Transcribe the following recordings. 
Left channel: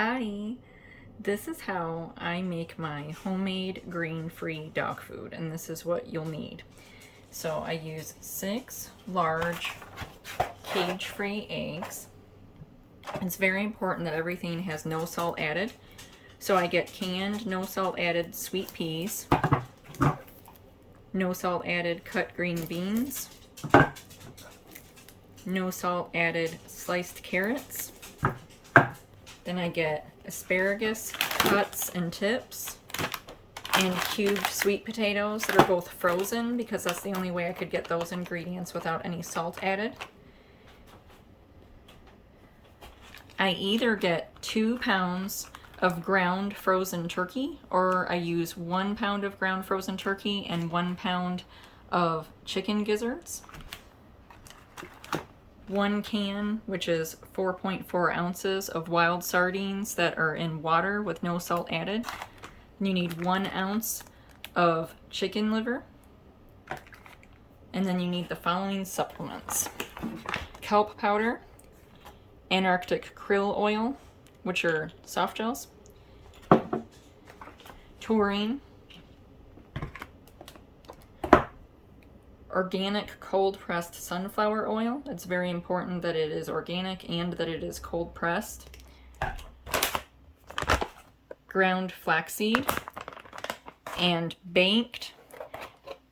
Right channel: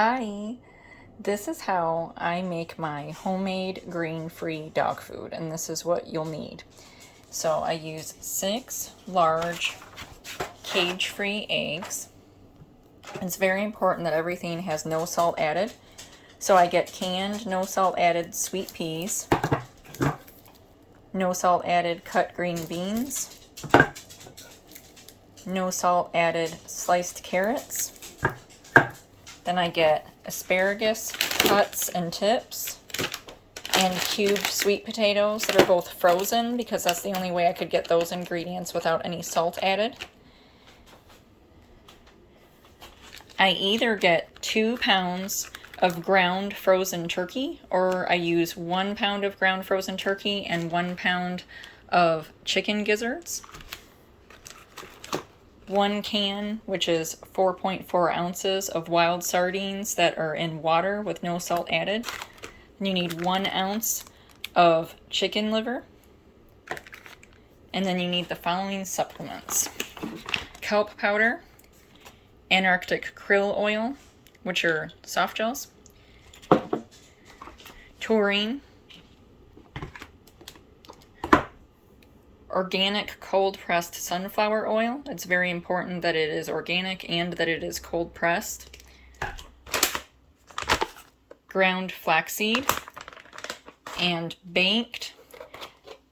Hi, this is how I make my homemade grain-free dog food, and this is what you'll need. So I use 6 large cage-free eggs. It's very important that everything has no salt added. So I get canned, no salt added sweet peas, no salt added cut green beans, no salt added sliced carrots. Then I get asparagus cuts and tips, and cubed sweet potatoes that are both frozen because that's the only way I could get those ingredients without any salt added. I either get 2 pounds of ground frozen turkey, or I use 1 pound of ground frozen turkey and 1 pound of chicken gizzards. 1 can, which is 4.4 ounces of wild sardines that are in water with no salt added. And you need 1 ounce of chicken liver. And then you need the following supplements: kelp powder, Antarctic Krill oil, which are softgels, taurine, organic cold-pressed sunflower oil. It's very important that it is organic and that it is cold-pressed. Ground flax seed, and baked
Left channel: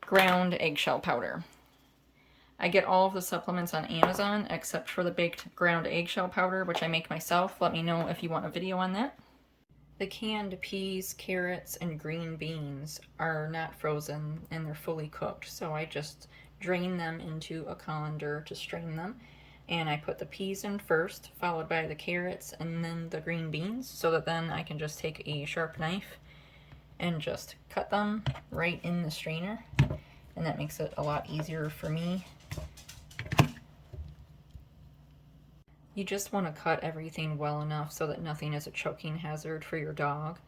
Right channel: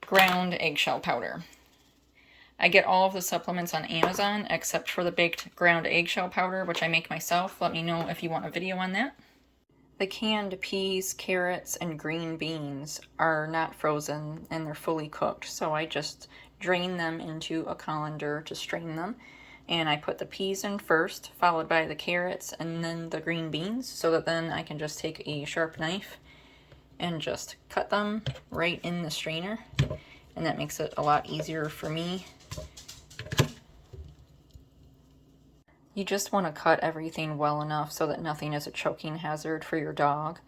ground eggshell powder. I get all of the supplements on Amazon except for the baked ground eggshell powder, which I make myself. Let me know if you want a video on that. The canned peas, carrots, and green beans are not frozen and they're fully cooked, so I just drain them into a colander to strain them. And I put the peas in first, followed by the carrots and then the green beans, so that then I can just take a sharp knife and just cut them right in the strainer. And that makes it a lot easier for me. You just want to cut everything well enough so that nothing is a choking hazard for your dog.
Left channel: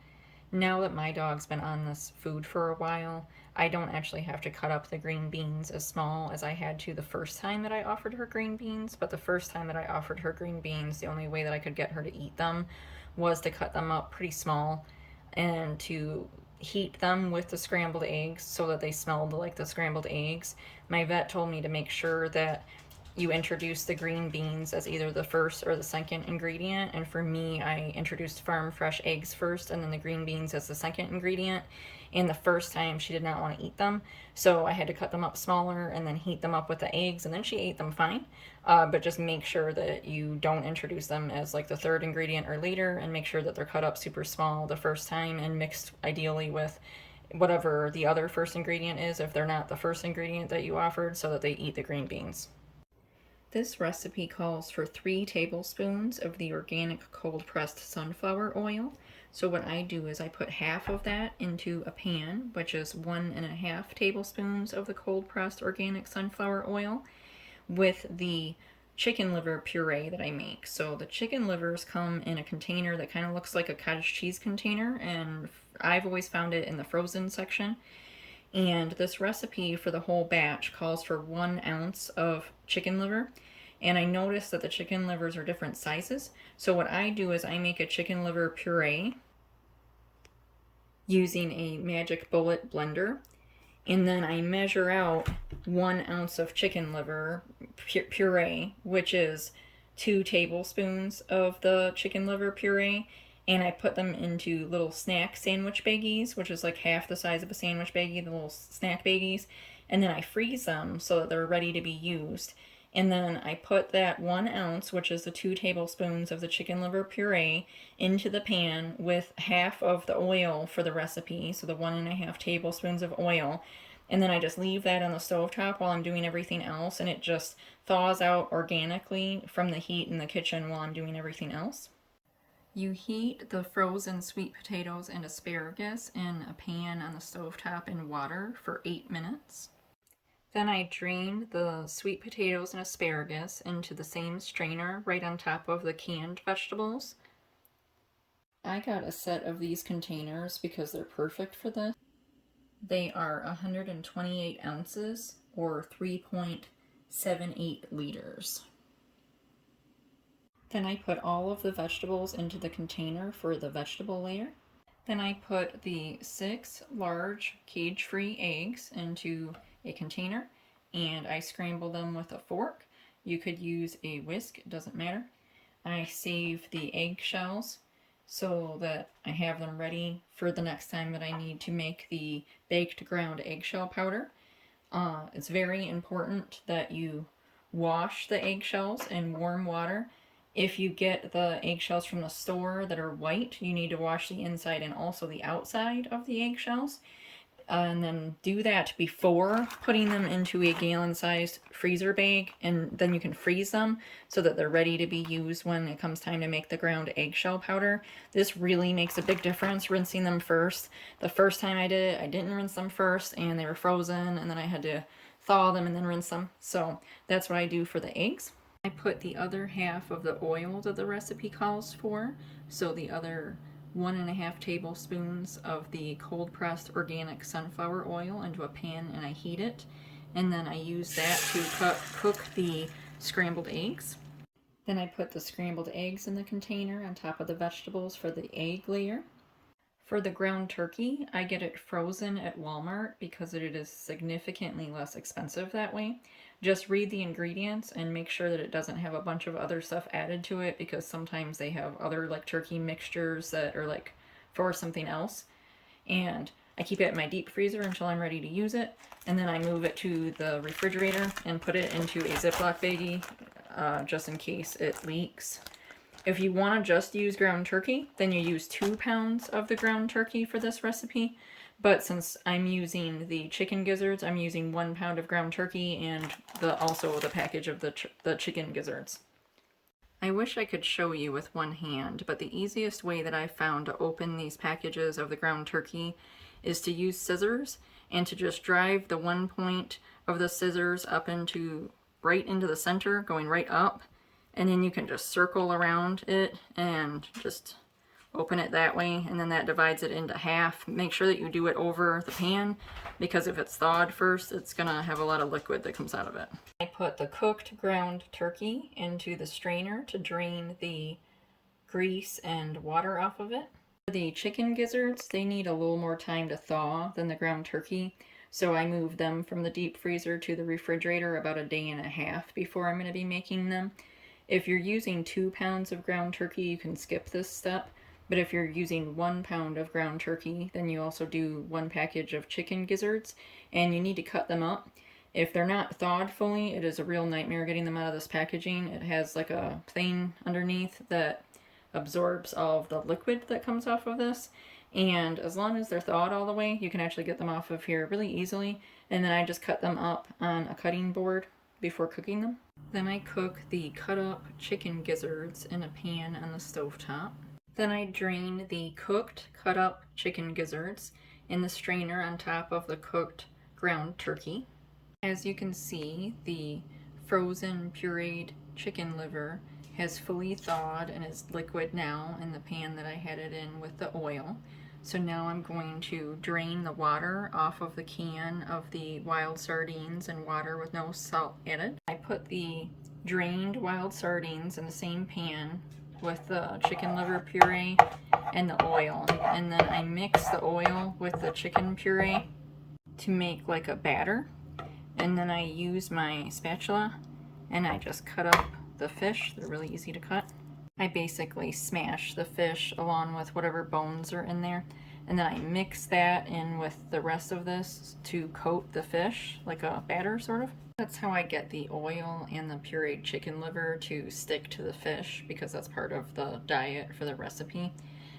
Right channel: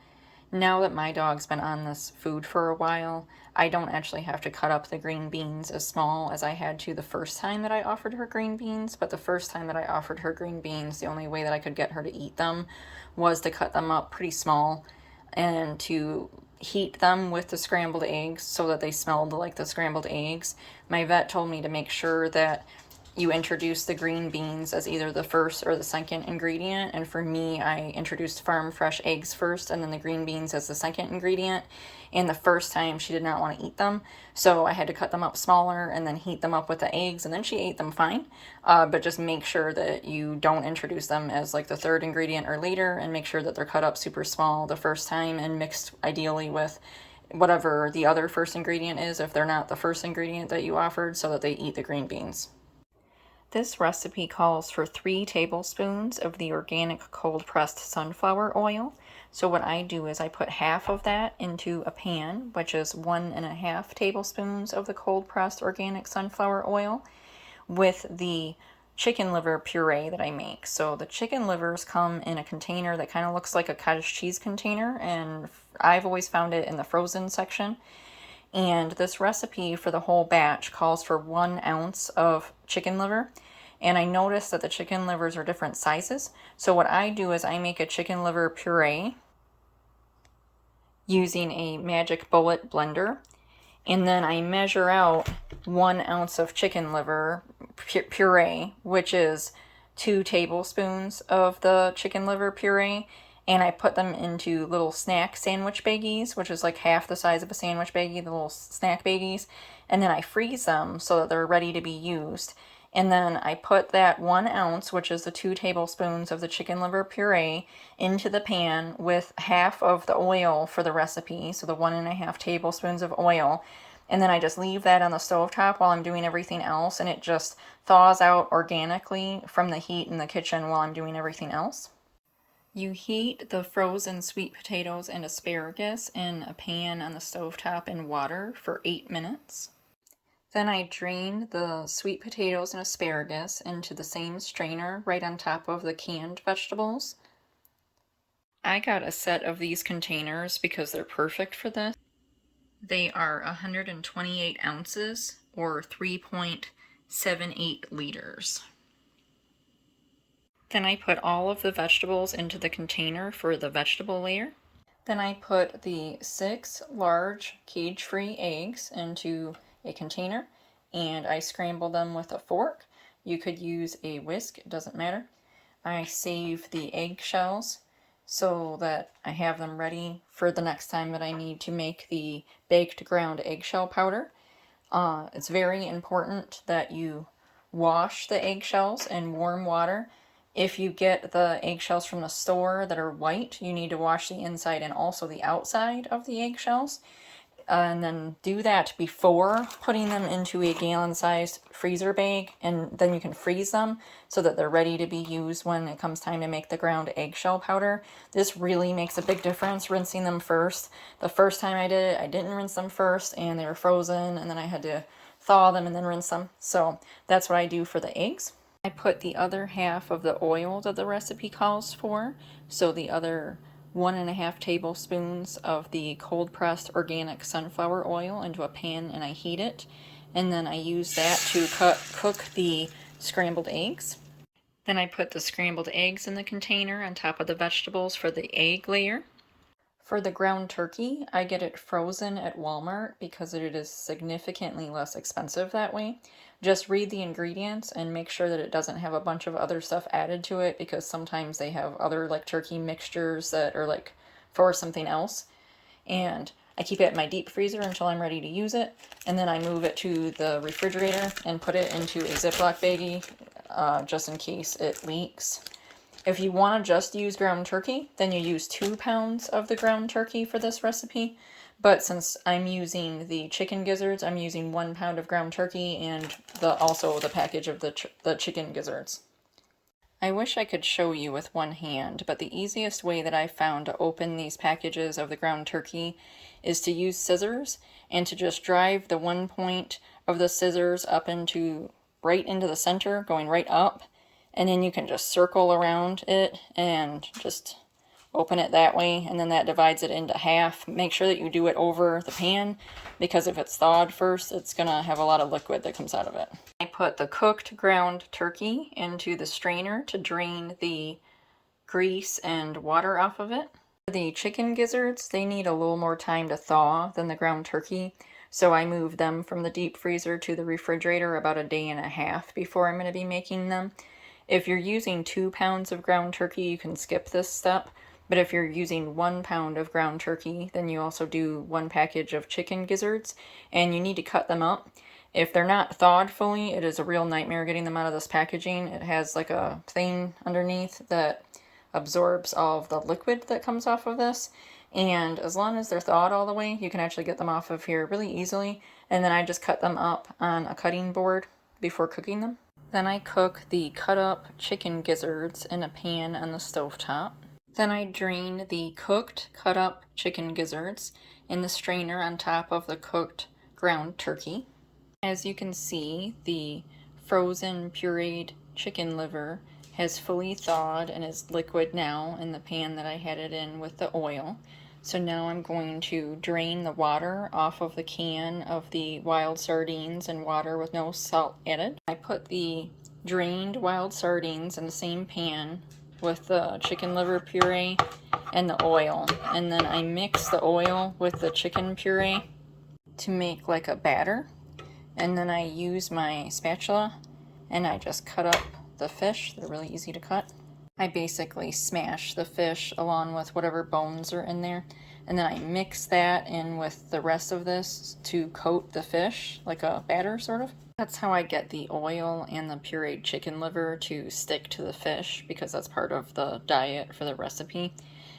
Now that my dog's been on this food for a while, I don't actually have to cut up the green beans as small as I had to the first time that I offered her green beans. But the first time that I offered her green beans, the only way that I could get her to eat them was to cut them up pretty small and to heat them with the scrambled eggs so that they smelled like the scrambled eggs. My vet told me to make sure that you introduce the green beans as either the first or the second ingredient, and for me, I introduced farm fresh eggs first and then the green beans as the second ingredient. And the first time she did not want to eat them, so I had to cut them up smaller and then heat them up with the eggs, and then she ate them fine. But just make sure that you don't introduce them as like the third ingredient or later, and make sure that they're cut up super small the first time and mixed ideally with whatever the other first ingredient is if they're not the first ingredient that you offered, so that they eat the green beans. This recipe calls for 3 tablespoons of the organic cold-pressed sunflower oil. So what I do is I put half of that into a pan, which is 1.5 tablespoons of the cold-pressed organic sunflower oil, with the chicken liver puree that I make. So the chicken livers come in a container that kind of looks like a cottage cheese container, and I've always found it in the frozen section. And this recipe for the whole batch calls for 1 ounce of chicken liver. And I noticed that the chicken livers are different sizes. So what I do is I make a chicken liver puree using a Magic Bullet blender. And then I measure out 1 ounce of chicken liver puree, which is 2 tablespoons of the chicken liver puree. And I put them into little snack sandwich baggies, which is like half the size of a sandwich baggie, the little snack baggies. And then I freeze them so that they're ready to be used. And then I put that 1 ounce, which is the 2 tablespoons of the chicken liver puree, into the pan with half of the oil for the recipe, so the 1.5 tablespoons of oil. And then I just leave that on the stovetop while I'm doing everything else, and it just thaws out organically from the heat in the kitchen while I'm doing everything else. You heat the frozen sweet potatoes and asparagus in a pan on the stovetop in water for 8 minutes. Then I drain the sweet potatoes and asparagus into the same strainer right on top of the canned vegetables. I got a set of these containers because they're perfect for this. They are 128 ounces or 3.78 liters. Then I put all of the vegetables into the container for the vegetable layer. Then I put the 6 large cage-free eggs into a container and I scramble them with a fork. You could use a whisk, it doesn't matter. I save the eggshells so that I have them ready for the next time that I need to make the baked ground eggshell powder. It's very important that you wash the eggshells in warm water. If you get the eggshells from the store that are white, you need to wash the inside and also the outside of the eggshells. And then do that before putting them into a gallon-sized freezer bag, and then you can freeze them so that they're ready to be used when it comes time to make the ground eggshell powder. This really makes a big difference, rinsing them first. The first time I did it, I didn't rinse them first, and they were frozen, and then I had to thaw them and then rinse them. So that's what I do for the eggs. I put the other half of the oil that the recipe calls for, so the other 1.5 tablespoons of the cold pressed organic sunflower oil into a pan, and I heat it, and then I use that to cook the scrambled eggs. Then I put the scrambled eggs in the container on top of the vegetables for the egg layer. For the ground turkey, I get it frozen at Walmart because it is significantly less expensive that way. Just read the ingredients and make sure that it doesn't have a bunch of other stuff added to it, because sometimes they have other like turkey mixtures that are like for something else. And I keep it in my deep freezer until I'm ready to use it, and then I move it to the refrigerator and put it into a Ziploc baggie just in case it leaks. If you want to just use ground turkey, then you use 2 pounds of the ground turkey for this recipe. But since I'm using the chicken gizzards, I'm using 1 pound of ground turkey and also the package of the chicken gizzards. I wish I could show you with one hand, but the easiest way that I've found to open these packages of the ground turkey is to use scissors and to just drive the one point of the scissors up right into the center, going right up. And then you can just circle around it and just open it that way, and then that divides it into half. Make sure that you do it over the pan, because if it's thawed first, it's gonna have a lot of liquid that comes out of it. I put the cooked ground turkey into the strainer to drain the grease and water off of it. For the chicken gizzards, they need a little more time to thaw than the ground turkey, so I move them from the deep freezer to the refrigerator about 1.5 days before I'm going to be making them. If you're using 2 pounds of ground turkey, you can skip this step. But if you're using 1 pound of ground turkey, then you also do 1 package of chicken gizzards, and you need to cut them up. If they're not thawed fully, it is a real nightmare getting them out of this packaging. It has like a thing underneath that absorbs all of the liquid that comes off of this. And as long as they're thawed all the way, you can actually get them off of here really easily. And then I just cut them up on a cutting board before cooking them. Then I cook the cut up chicken gizzards in a pan on the stovetop. Then I drain the cooked cut up chicken gizzards in the strainer on top of the cooked ground turkey. As you can see, the frozen pureed chicken liver has fully thawed and is liquid now in the pan that I had it in with the oil. So now I'm going to drain the water off of the can of the wild sardines in water with no salt added. I put the drained wild sardines in the same pan with the chicken liver puree and the oil. And then I mix the oil with the chicken puree to make like a batter. And then I use my spatula and I just cut up the fish. They're really easy to cut. I basically smash the fish along with whatever bones are in there, and then I mix that in with the rest of this to coat the fish like a batter sort of. That's how I get the oil and the pureed chicken liver to stick to the fish, because that's part of the diet for the recipe.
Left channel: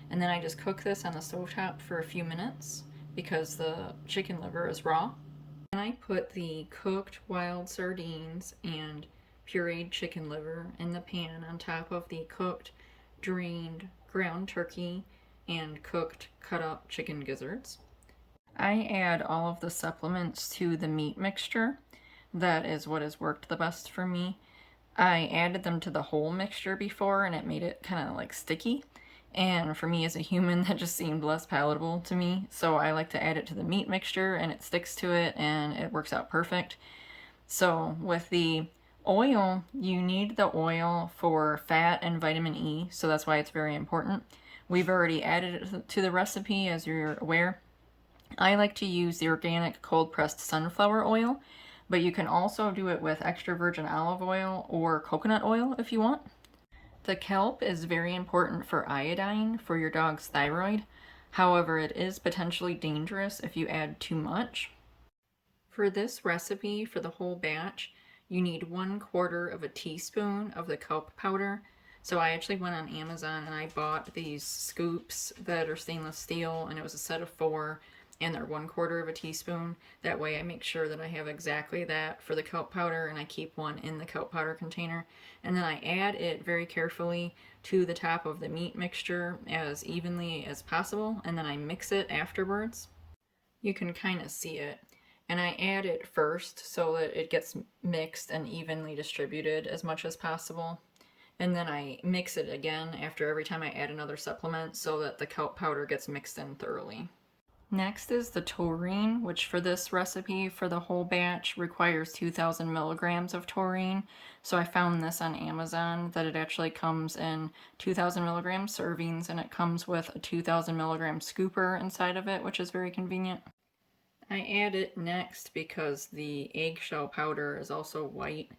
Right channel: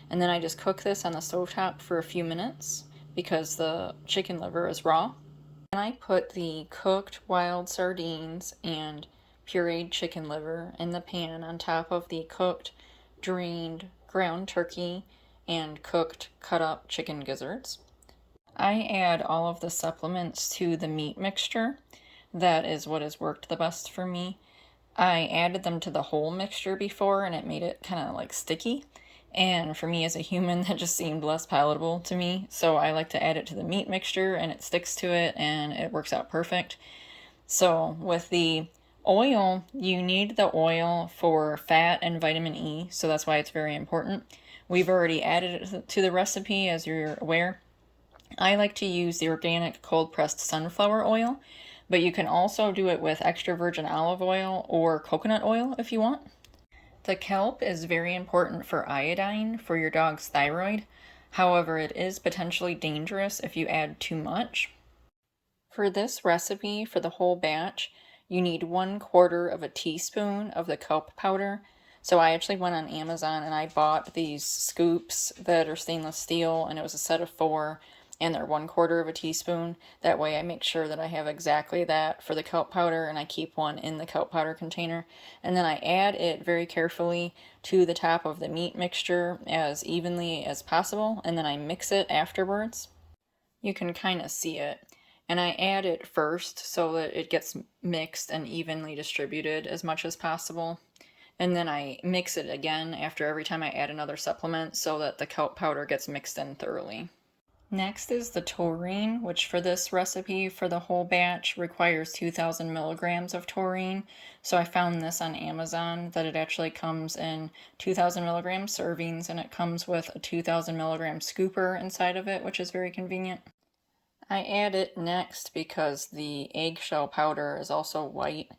And then I just cook this on the stovetop for a few minutes because the chicken liver is raw. And I put the cooked wild sardines and pureed chicken liver in the pan on top of the cooked drained ground turkey and cooked cut up chicken gizzards. I add all of the supplements to the meat mixture. That is what has worked the best for me. I added them to the whole mixture before and it made it kind of like sticky, and for me as a human that just seemed less palatable to me, so I like to add it to the meat mixture and it sticks to it and it works out perfect. So with the Oil, you need the oil for fat and vitamin E, so that's why it's very important. We've already added it to the recipe, as you're aware. I like to use the organic cold-pressed sunflower oil, but you can also do it with extra virgin olive oil or coconut oil if you want. The kelp is very important for iodine for your dog's thyroid. However, it is potentially dangerous if you add too much. For this recipe, for the whole batch, you need 1/4 of a teaspoon of the kelp powder. So I actually went on Amazon and I bought these scoops that are stainless steel, and it was a set of 4, and they're 1/4 of a teaspoon. That way I make sure that I have exactly that for the kelp powder, and I keep one in the kelp powder container. And then I add it very carefully to the top of the meat mixture as evenly as possible, and then I mix it afterwards. You can kind of see it. And I add it first so that it gets mixed and evenly distributed as much as possible. And then I mix it again after every time I add another supplement so that the kelp powder gets mixed in thoroughly. Next is the taurine, which for this recipe for the whole batch requires 2,000 milligrams of taurine. So I found this on Amazon that it actually comes in 2,000 milligram servings, and it comes with a 2,000 milligram scooper inside of it, which is very convenient. I add it next because the eggshell powder is also white,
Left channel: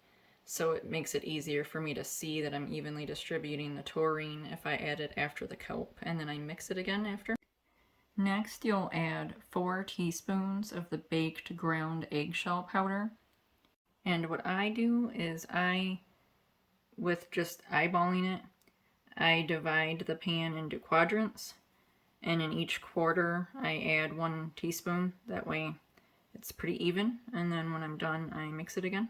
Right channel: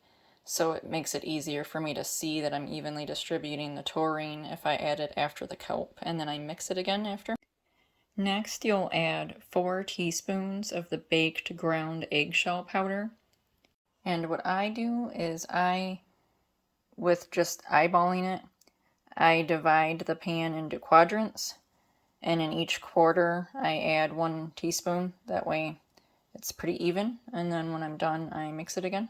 so it makes it easier for me to see that I'm evenly distributing the taurine if I add it after the kelp, and then I mix it again after. Next, you'll add 4 teaspoons of the baked ground eggshell powder. And what I do is with just eyeballing it, I divide the pan into quadrants, and in each quarter I add 1 teaspoon. That way it's pretty even, and then when I'm done I mix it again.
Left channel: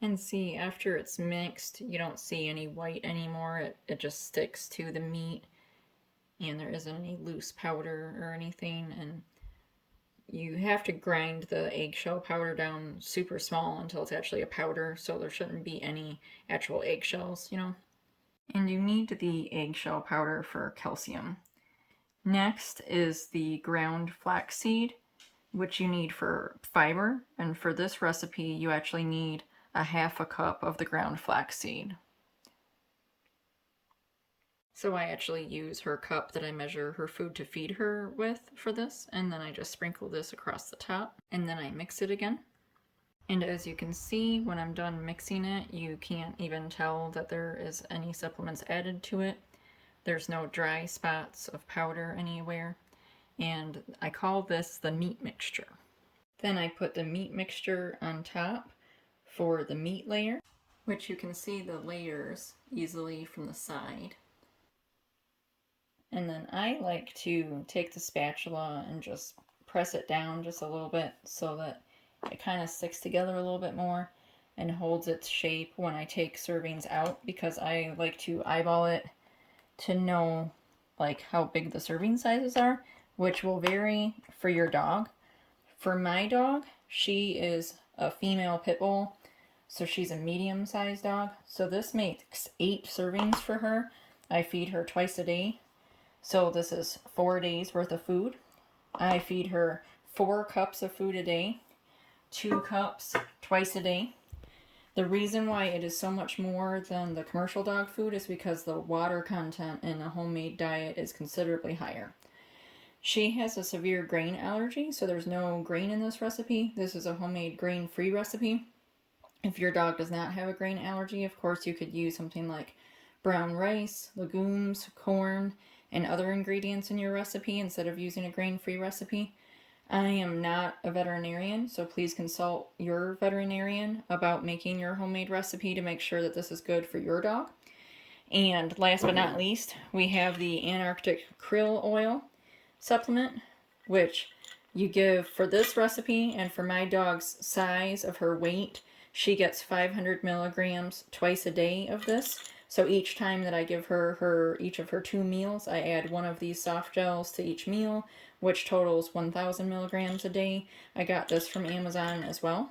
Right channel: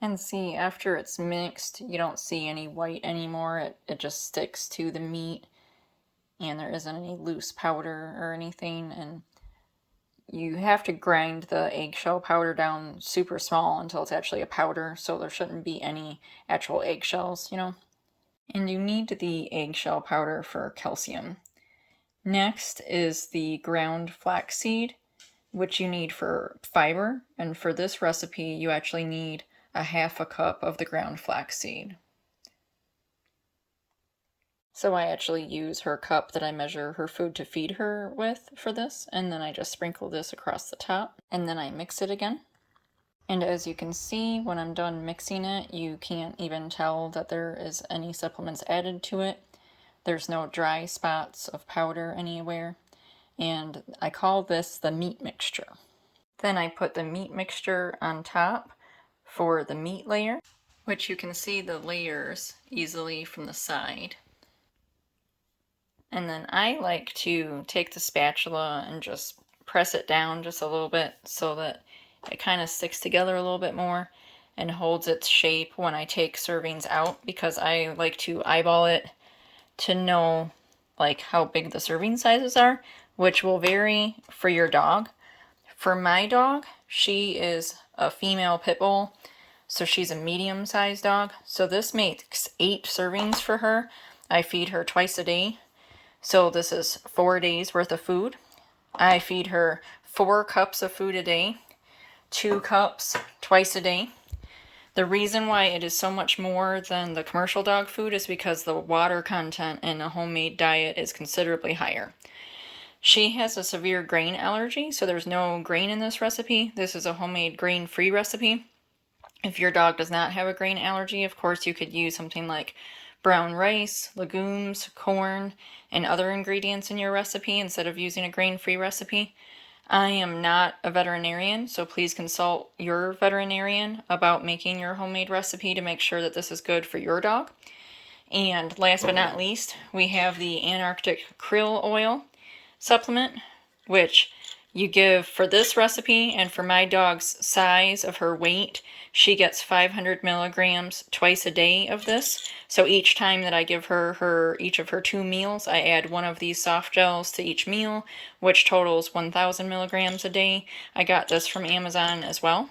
And see, after it's mixed, you don't see any white anymore. It just sticks to the meat, and there isn't any loose powder or anything. And you have to grind the eggshell powder down super small until it's actually a powder, so there shouldn't be any actual eggshells, you know. And you need the eggshell powder for calcium. Next is the ground flax seed, which you need for fiber, and for this recipe you actually need a 1/2 cup of the ground flax seed. So I actually use her cup that I measure her food to feed her with for this, and then I just sprinkle this across the top, and then I mix it again. And as you can see, when I'm done mixing it, you can't even tell that there is any supplements added to it. There's no dry spots of powder anywhere, and I call this the meat mixture. Then I put the meat mixture on top for the meat layer, which you can see the layers easily from the side. And then I like to take the spatula and just press it down just a little bit so that it kind of sticks together a little bit more and holds its shape when I take servings out, because I like to eyeball it to know like how big the serving sizes are, which will vary for your dog. For my dog, she is a female pit bull, so she's a medium-sized dog. So this makes 8 servings for her. I feed her twice a day. So this is 4 days worth of food. I feed her 4 cups of food a day, 2 cups twice a day. The reason why it is so much more than the commercial dog food is because the water content in a homemade diet is considerably higher. She has a severe grain allergy, so there's no grain in this recipe. This is a homemade grain-free recipe. If your dog does not have a grain allergy, of course you could use something like brown rice, legumes, corn, and other ingredients in your recipe instead of using a grain-free recipe. I am not a veterinarian, so please consult your veterinarian about making your homemade recipe to make sure that this is good for your dog. And last but not least, we have the Antarctic Krill Oil supplement, which you give for this recipe, and for my dog's size of her weight, she gets 500 milligrams twice a day of this. So each time that I give her each of her 2 meals, I add 1 of these soft gels to each meal, which totals 1,000 milligrams a day. I got this from Amazon as well.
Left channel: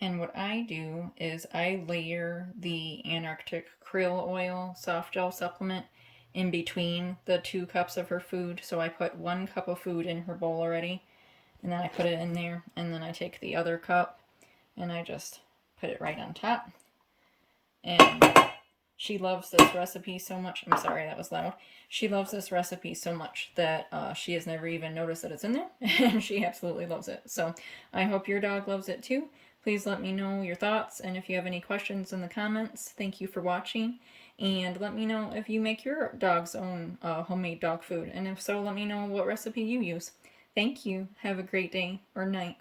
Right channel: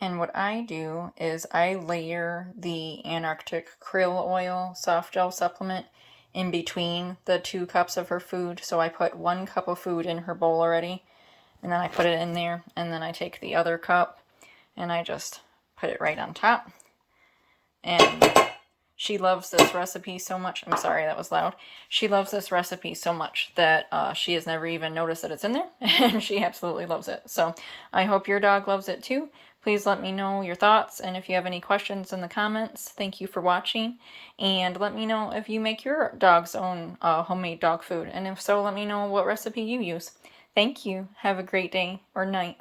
And what I do is I layer the Antarctic Krill Oil soft gel supplement in between the 2 cups of her food. So I put 1 cup of food in her bowl already, and then I put it in there, and then I take the other cup and I just put it right on top. And she loves this recipe so much. I'm sorry, that was loud. She loves this recipe so much that she has never even noticed that it's in there, and she absolutely loves it. So I hope your dog loves it too. Please let me know your thoughts, and if you have any questions in the comments. Thank you for watching, and let me know if you make your dog's own homemade dog food, and if so, let me know what recipe you use. Thank you. Have a great day or night.